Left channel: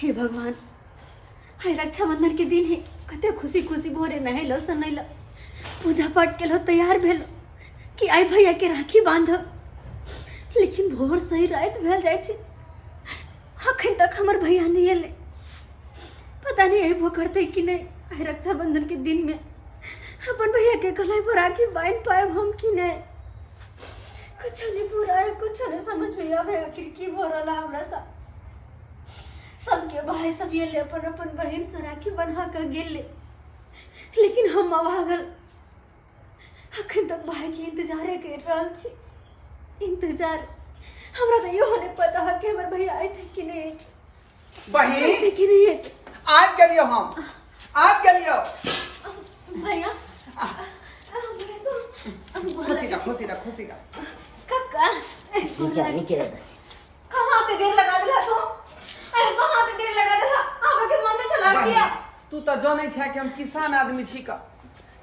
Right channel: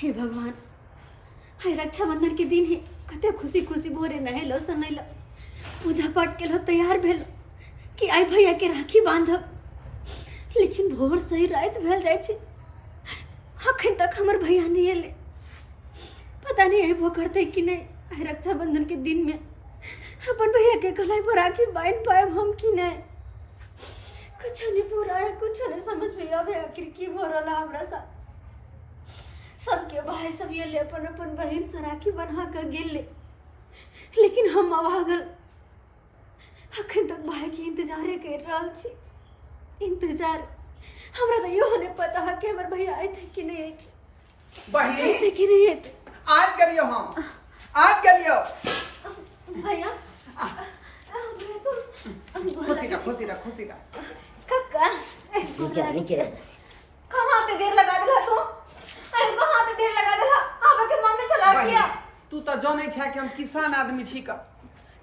हे भगवान, हाय रक्षाबंधन के दिन ही कते खुशी खुशी भोरे नहैलो सनैलो पूजा पाठ केलो तैयार भेलो कि आई भैया के राखी बांधब, लेकिन भोर सही रात भेल जाय छै, अखन तक हमर भैया नहीं एले। पता नहीं अइबो करते कि नहीं। आई रक्षाबंधन के दिन में अपन भैया के गलाय पर राखी बांध पाएब हम कि नहीं, कुछ नहीं पूरा है, कुछ नहीं समझ में आवे आखिर की हो रहा हमरा साथ। सबके भाई सब ये ले अपन अपन बहन से राखी बन्हा कर गेले, लेकिन हम अभागल अखन तक भाई के इंतजारे कर रहल छी। इंतजार हमरा तो यो नहीं पता है कि हमर भैया आए थे कि नहीं, आए थे कि नहीं। आज गेलियो हम, आज गेलियो भैया खुशी का कक्का कहाँ पे देर लगा दिला तू, अरे कहाँ पे देर लगा दिला, आबे के मन में चला गया। तू तो जाने छै कि हम किसान आदमी छी का,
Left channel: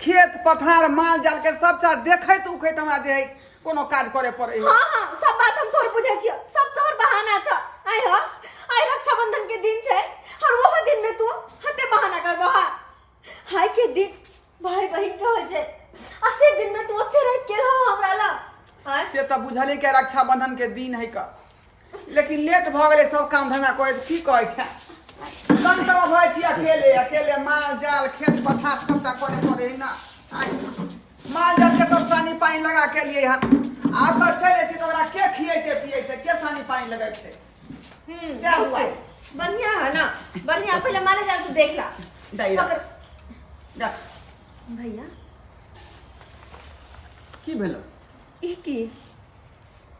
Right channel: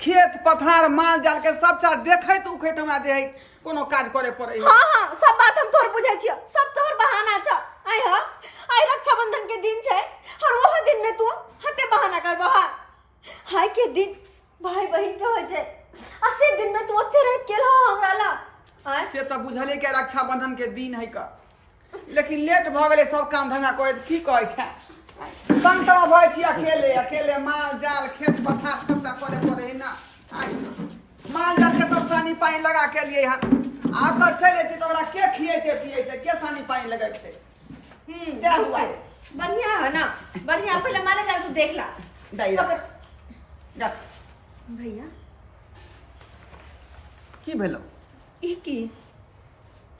खेत पथार माल जाल के सब चीज देखैत उखैत हमरा जे है कोनो काज करे पड़े। हाँ हाँ सब बात हम तोर बुझे छियो, सब तोर बहाना छ। आई रक्षाबंधन के दिन छै और वो दिन में तू हते बहाना कर बहा। हाय के दिन भाई बहन के हो छै, असे दिन में तू ओते रह के रहो हमरा ला। से तो बुझले के रक्षाबंधन के दिन है का, लेकिन लेट भ गेले सब काम धंधा करे की कहै छै। काम तो भय छी अकेले अकेले माल जाल खेत पथार सबटा करे पड़े है ना। माल जाल के सब सानी पानी लगा के लिए हन आ तो चले छी तो ओकरा के खिएते पिएते के सानी पानी लगाइते। क्या हुआ बढ़िया है ना, बढ़िया। पहले माले जाल तू देख ला देख भैया की भेलो ई की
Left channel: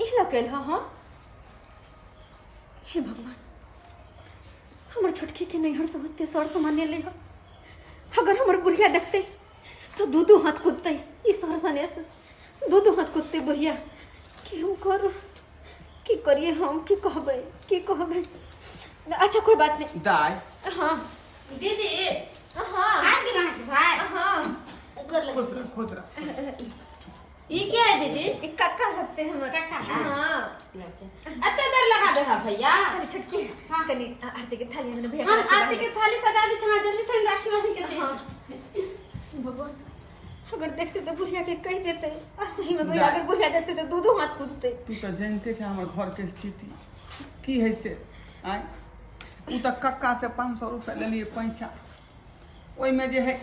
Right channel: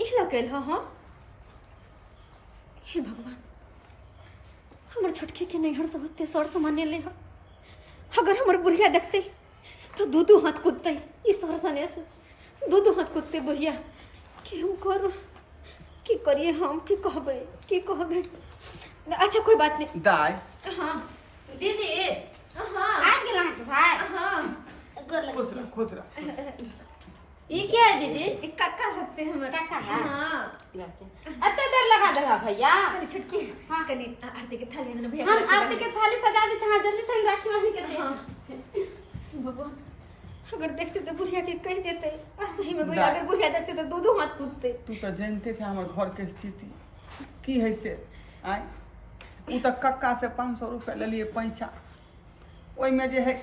ई लकेल हां। हे भगवान, हमर छोटकी के नैहर से होते सर सामान्य ले हो, अगर हमर बुढ़िया देखते तो दू हाथ कूदते। ई सर सने से दू हाथ कूदते बुढ़िया कि हम करू की करिए, हम की कहबे। अच्छा कोई बात नहीं दाई। हाँ दीदी हाँ आ गेल अहाँके भाई। हाँ खुश रह। ई क्या है दीदी? एक काका लगते हैं हमारे। काका है? हाँ अत्ते देर लगा दे हा भैया। कनी छुटकी हाँ कनी आरती के थाली में भैया हम आरती के थाली सजा दी छ, जल्दी से राखी वहीं के दे। हाँ भगवान, अगर देखते तो बुढ़िया के कह देते, और सही में भैया अगर बुढ़िया देखते तो दो हाथ कूदते। तू तो जानते छ हमर घर के स्थिति की है से। आय उ तो कक्का से 500 रुपया ले लिए पैसा, ओइ में जे है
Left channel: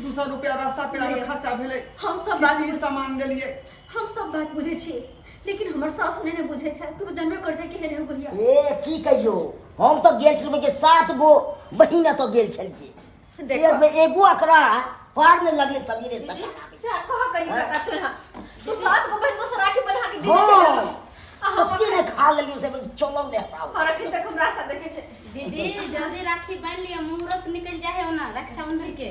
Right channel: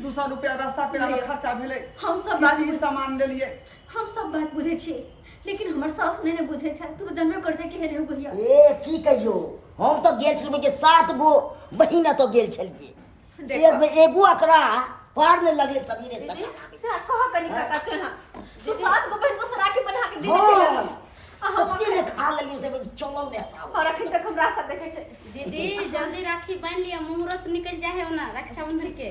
200 रुपया रास्ता पे लगा खर्चा भेले। हम सब बात सामान ले लिए, हम सब बात बुझे छिए, लेकिन हमर सास नहीं बुझे छै। तू तो जानबे कर छै कि नहीं बुढ़िया। ए ठीक है यो, हम तो गेल छलिए के 7 गो बहिना तो गेल छलिए, से में एगो अकरा पार ने लगले समीरे सका से कह कनी काका तू 7 गो बहन तो राखी बना के दे हां हम के खा लेलियो से चलल ले पाओ। और अखन तक हम रास्ता देखे छै। दीदी जल्दी राखी बांध लिया, मुहूर्त निकल जाए हो ना रक्षाबंधन के।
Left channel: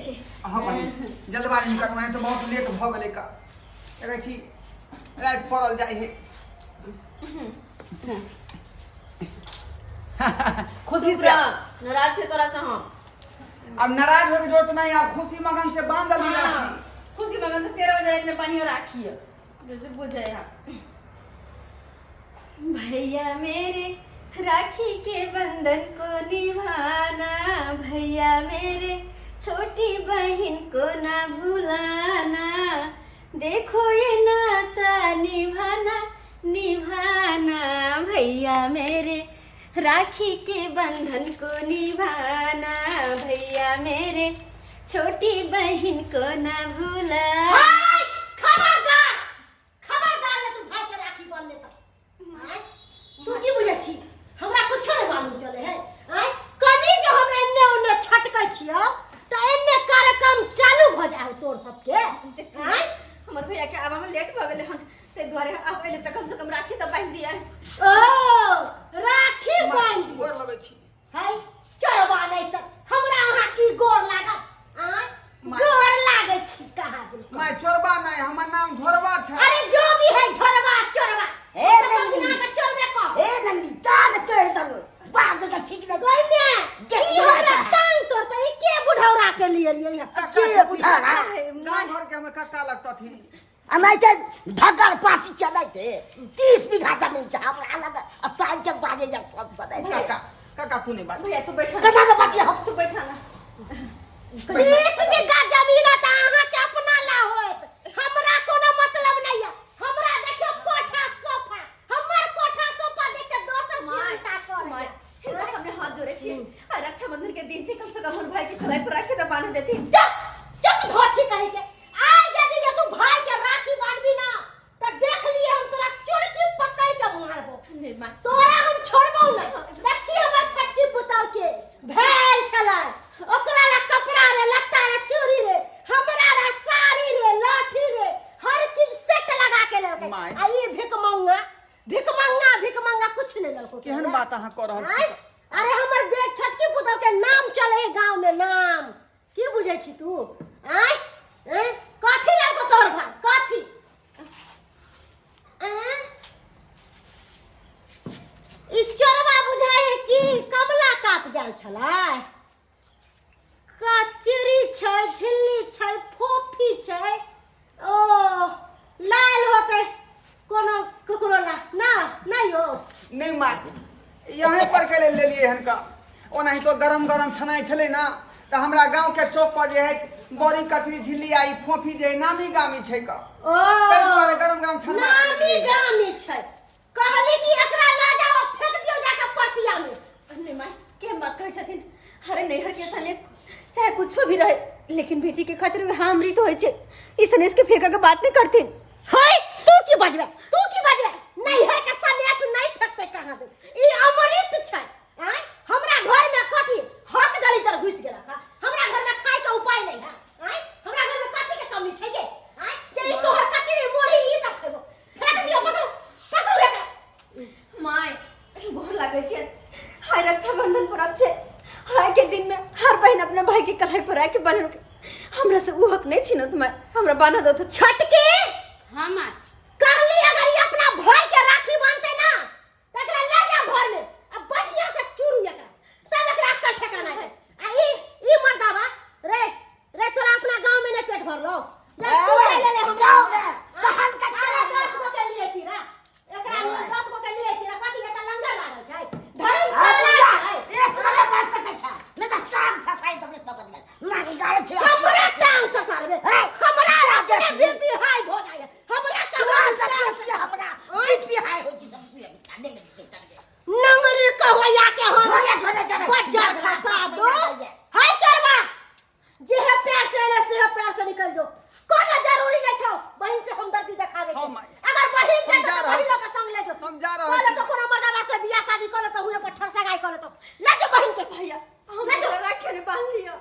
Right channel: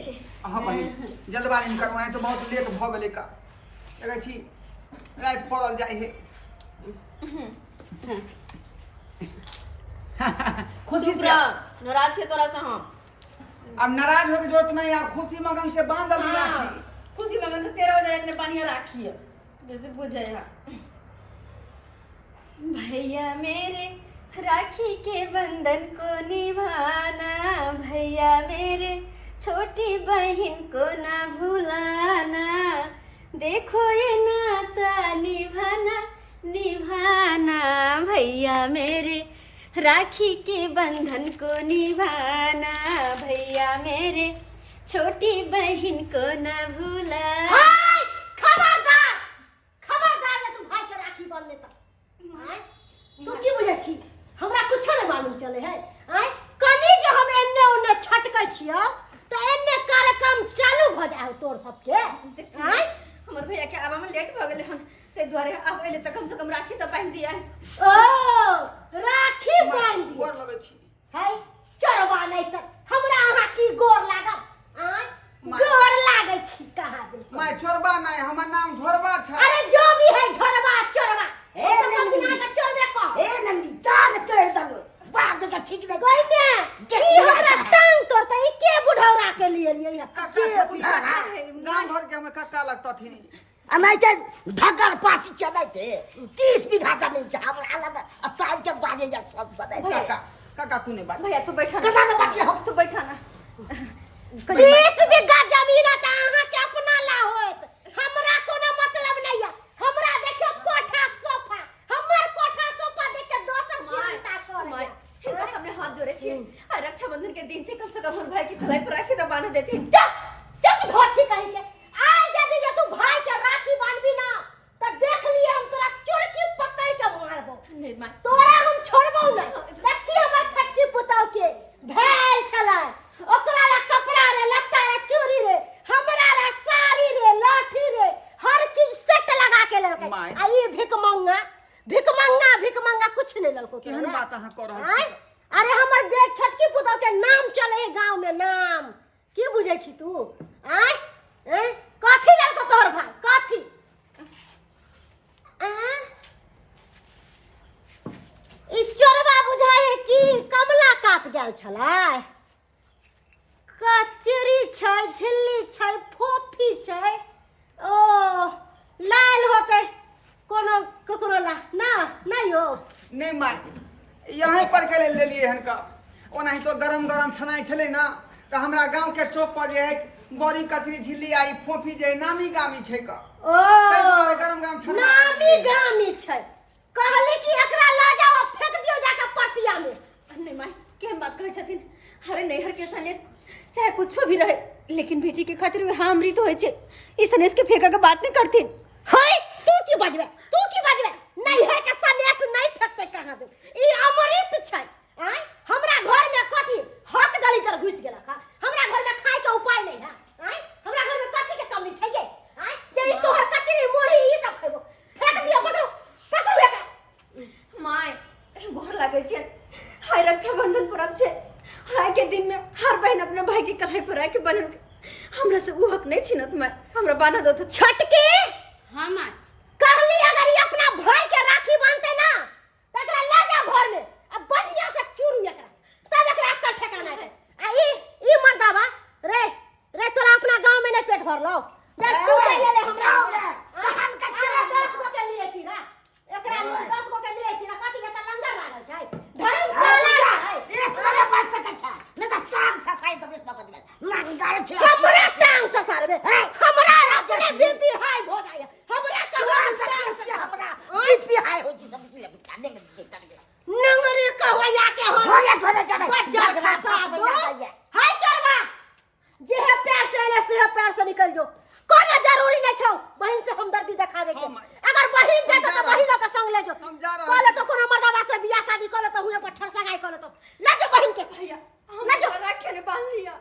हां बहिन जल्दबाजी में करवाए तो बहुत लेट भ गेले का, कहै छी रात पड़ल जाय है। खुशी से नाराज छे तोरा से हम। अब नाराज होके जरूरत नहीं, आप खुशी मगन से बांधल ही राखी। खुशी मगन से 13 बजे रात में पानी राखी है, जैसे बुझे है। भैया मेरे राखी के बंधन को निभाना, भैया मेरे छोटी बहन को ना भुलाना, देखो ये नाता निभाना निभाना, भैया मेरे राखी के बंधन को निभाना, भैया मेरे छोटी बहन को ना भुलाना। खबरदार खबरदार तू भाई के राखी बांध लेता। तू की बुझे छी हमरा कुछो नहीं मालूम चले है। आय कनी जे हम एन्ने ओन्ने छटकै छियो त एन्ने कार्यक्रम चालू भ जाए तोर सबके। आय हमर भैया के आवा में लेट भ गेले हन, ते द्वारे अब अइले त कम से कम राखी त बांध दिया है। ओ राखी बांध दी गोर लगै छी। है चरवा नहीं त हमरा अहाँ की गोर लागत। आय गोर लागै छी कहाँ दे मैं चोरबा नहीं, हमर नाम घोरबा छ। अरे जो भी है ढोरवा चोरवा ए नंदी ना चोरबे को ए नंदी ताग तोड़ दब बात जगह ठीक नहीं कोई ने ई हमरा टांग तोड़ता ई के बुढ़ौरा के लिए लिए कक्का से बुझा गांव घर के हमें कक्का लगता थी। आ नहीं के धगर पाती चले थे 30 बीघा जमीन छ हमरा लग अब ताई के बाजे या सब सदै काका काका तू नहीं बात भैया तू बैठा कदा के बच्चे हम तू बैठा ना 30 बीघा जमीन त अहाँ के अपना ला होत हमरा कोनो मतलब नहीं है हमरा देखियो कोठा सोफा हमर कोठा सोफा देख के दोसर चिंता कर माय इनका सामने हाथ जोड़े छी आ रक्षाबंधन के दिन से कम से कम हमर भाई के कलाई पर राखी तो बांध देती चुप धोछी कहि के आज यदि जे तू भाई के राखी बांधबी ना त देख लिए हम तोरा चुरकी पकड़ के मारबो नहीं माय तोरा हम छोड़बो ना देखी हमर छटकी पुताव के भेल छलै ओकरा ला कपड़ा रे लत्ता रे चूड़ी रे हमरा रे साड़ी रे लाठी रे हर चीज सेट लगा के रखे माय। आ ये भिक मंगा कुछ नहीं लको केहन बात अहाँ कर रहल छी अरे हमर बेट छटकी पुताव के नाम चले गांव में नाम की बुझै छी तू आय कथी ललको तोहर भाई कथी ई चोरबा बुझाय कि कमला काट गेल छलै कचरी छै झिल्ली छै फोफी छै ओ लाल होते कोनो ककरो ला ना नहीं हो नहीं माय यहाँ पर के ले लिए हन का ओनाही तो गरम गरम छनाई छले ना तो हमरा गांव के चौक पर जे है बड़ी कचरी झिल्ली आई फोफी जे नामी गामी छै का ओ ताहि दुआरे गरम गरम छना नामी गामी छै कहली कि एकरा ला जाओ फेंक दियो जाके पर्तिया में नहीं माय के बात कहै छथिन अरे नैहर के सनेस चाहे कुछो भी रहे लेकिन बेटी के खातिर वे हां अमृत होय छै ई सनेस के फेंका के बात नहीं करथिन होय तू की बजबे नैहर के सनेस नहीं फेंकते कहां दे ई अमृत छै आय हमरा घर में कथी हक गली तर घुस गेला का हमरा घर में खाए के उपाय नहीं है आय हमरा घर में कथी के कमी छै गे आय जे ई तोहर कचरी मोरी ई सब खेबो फेंक दियो पकड़ू एकरा माय गोर लागे छै हाय रक्षाबंधन पर्व छै हाय के दिन में हर बहन अपने भाई के कलाई पर राखी बांधे हमरा से उ हक नहीं छीनत माय हमरा बांधा दो तो छटके हाँ माँ कहली अगर ये अपना भाई के राखी बांधते ना त एकरा ले जा घर में अब बढ़िया से चूरू एकरा तब एकरा अक्कल ठिकाना है आ ई मर्दावा रे तोरा अपना गांव में नहीं पेट भर लो रे तू ले हमरा कहन का 10 गो के लिए तीरा एकरा 10 गो के लिए तीरा कथी के त लंगर लागल छै धर्मशाला छै एक मने बात सकै छै न त टांग ससाई त बेट पकड़ में लागी गाड़ छै हमरा टांग ससारबे हमरा अपने बीपी हाई हो जाय हमरा कहां से हमरा बीपी हाई हो छी सब की खाने में बेटा नंगरी कहया के हो घरे जाबे बच्चा खसा दो हाय चरवा जे है पैर से पैर से निकल जो कोनो जरूरी नहीं छौ बहन से हमदर्दी दिखावे के अगर बहन के तो बहन के संग ले जो हम जा रहे बोले तो कोनो मर्दावा से बियाह शादी करे तो हुए पर ठरसा गाय करे तो ना जो बहन के भैया ना जो राखी ने बांध लिया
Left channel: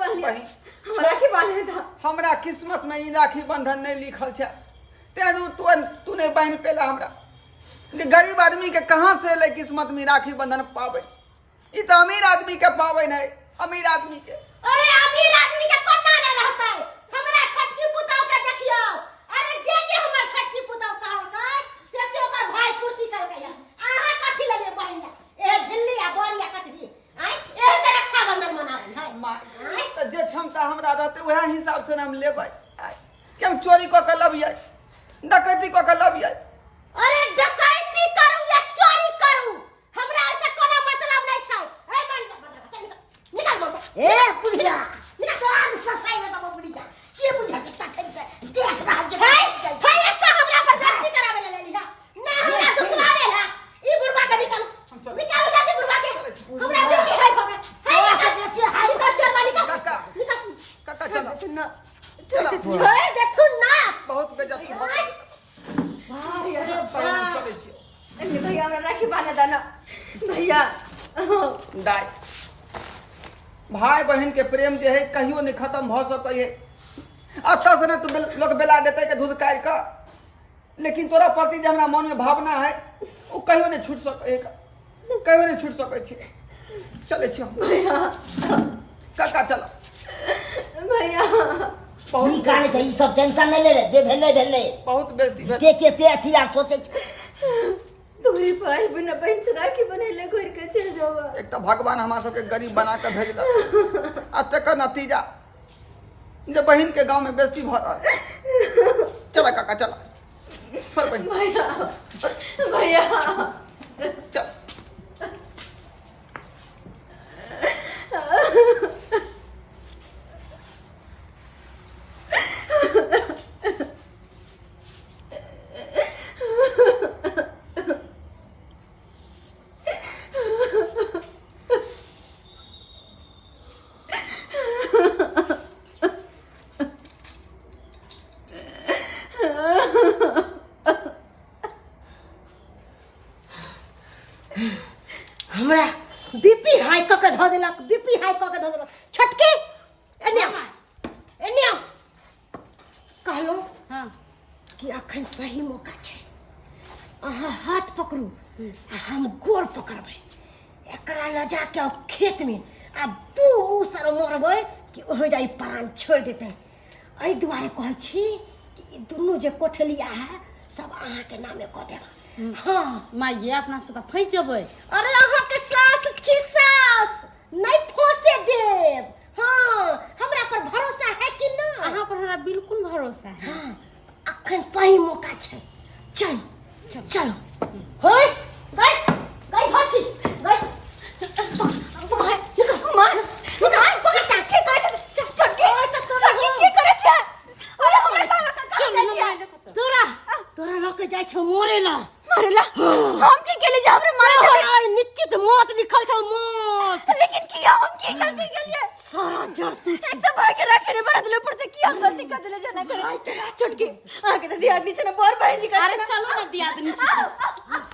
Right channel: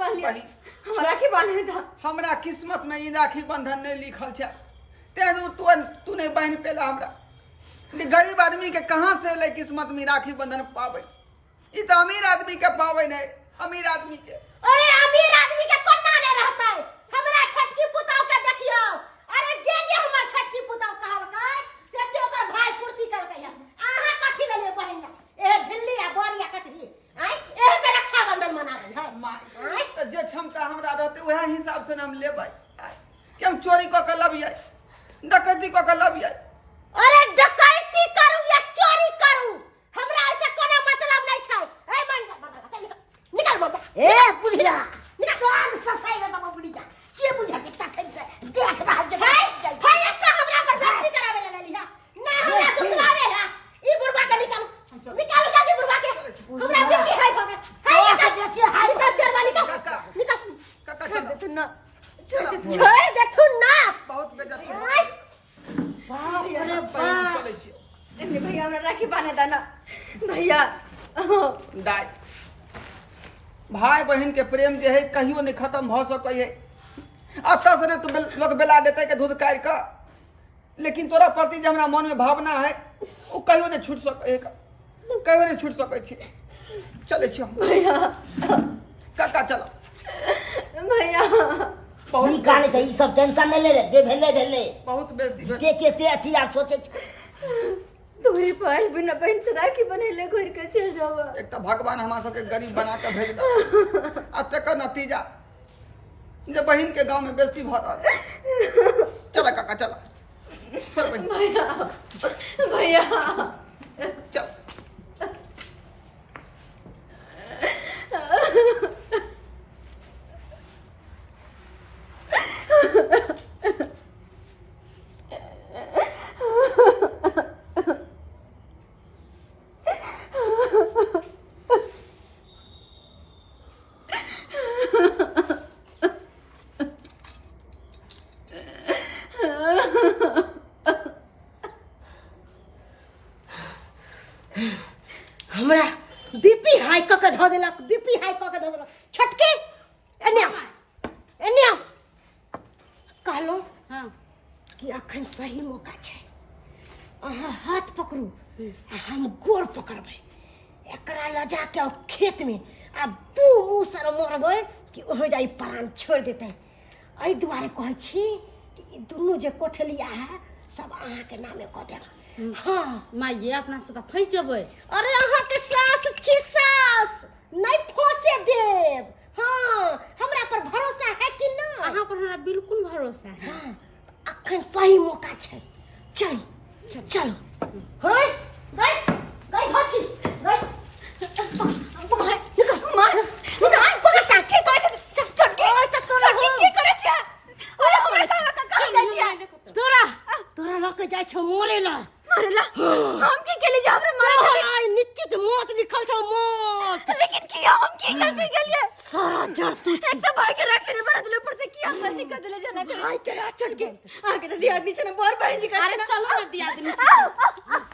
बहिन। हम राखी बांधे था हमरा किस्मत में ई राखी बंधन नहीं लिखल छै तेनु तू नहीं बहन पेला हमरा जे गरीब आदमी के कहां से ले किस्मत में राखी बंधन पावे ई तो अमीर आदमी के पावे नहीं अमीर आदमी के अरे अमीर आदमी के कोना नहीं रहता है हमरा छटकी पुताव के देखियो अरे जे हमर छटकी पुताव कहल से ओकर भाई पूर्ति कर के आहा कथि ले ले बहन ए झिल्ली आ बोरिया कचरी आय एह के रक्षाबंधन मनावे है माय तो जे क्षमता हमरा रहते वह हिसाब से हम लेबै केम चोरी क के लबियै डकैती क के लबियै अरे डकैती करू या चोरी करू हमरा ऐसे कोनो मतलब नहीं छै ए निकल बोल ए बुढ़िया निकल आग ससाई में तब बुढ़िया के बुझा के तखन से देख रहा जे भाई एक तो हमरा पर बस्ती करावे ले लिया ना हमरा घुसवावे ला ई बुढ़वा के निकाल जल्दी बुढ़वा के हमरा बेटी हाय भगा हाय ऐसे बेसी हाय निकल चलवा निकल काका चल तू ना छोड़ दे तू ना बहुत बेइज्जती भैया बहन चले छी भैया हमरा राखी बांधे था ना भैया दाई भाई बहन के प्रेम जे है कहियो नहीं खत्म भ सकै है अतः से तू लोग बेला देते के दूध काट का लेकिन तोरा प्रति जे हमरा मन में भावना है वो कहियो नहीं छूट सकै कहियो नहीं छूट सकै छी चले छी भैया काका चलो भैया बहुत गाने छै ई सब टेंशन नहीं ले जे भेले बहुत बेइज्जती भेल के के अथी आ सोचे तोरी पाल बिना बहन से राखी बनेले घर के चल जावा एक तो भगवान हमरा सबके गरीब बना के भेजल आ तकर नतीजा जब बहन के गांव में बेइज्जती भरल। चला काका चला, छोड़ बहन, भैया चल। हमरा बीपी हाई क के धऽ देलक, बीपी हाई क के धऽ देलक। छटके एने आओ, एने आओ। कहलो हाँ कि अखन सही मौका छै, अहाँ हाथ पकड़ू आ हम गोर पकड़बै। एकरा लऽ जाके खेत में आ दू मुँह सर मरबै कि हो जाई प्राण छोड़ देते। एहि दुआरे कहै छी कि ई दुनू जे कोठलिया है सब अहाँ के नामे कऽ देब। हाँ माँ ये अपना सबका फंस जबै। अरे अहाँ के सास छी, सास नहीं फंसे देव। हाँ हमरा पर भरोसा है कि नहीं? अहाँ पर हमरा बिल्कुल भरोसा है। हाँ अखन सही मौका छै, चल चलो। होय गई गई भछी गई पकड़ निकल मार निकल पकड़ के की करे छै? चल के तोरा की करे छै? अरे हमरा कहाँ जाइ छै? तोरा लऽ के जाइ छौ मोरे ला, मारेला। हम की केले जे हमरे मारे छै? निश्चित मौत लिखल छौ, मौत। लेकिन किया हम की करके गेलिए? सारा जर्सी एक तो भाई के राखी ने बरद ले ऊपर से किया गलती कर देले जना। भाई के राख छोड़ के आके तो दिया नीचे ने बोर भाई जी का। अरे चलो ना दिया नीचे।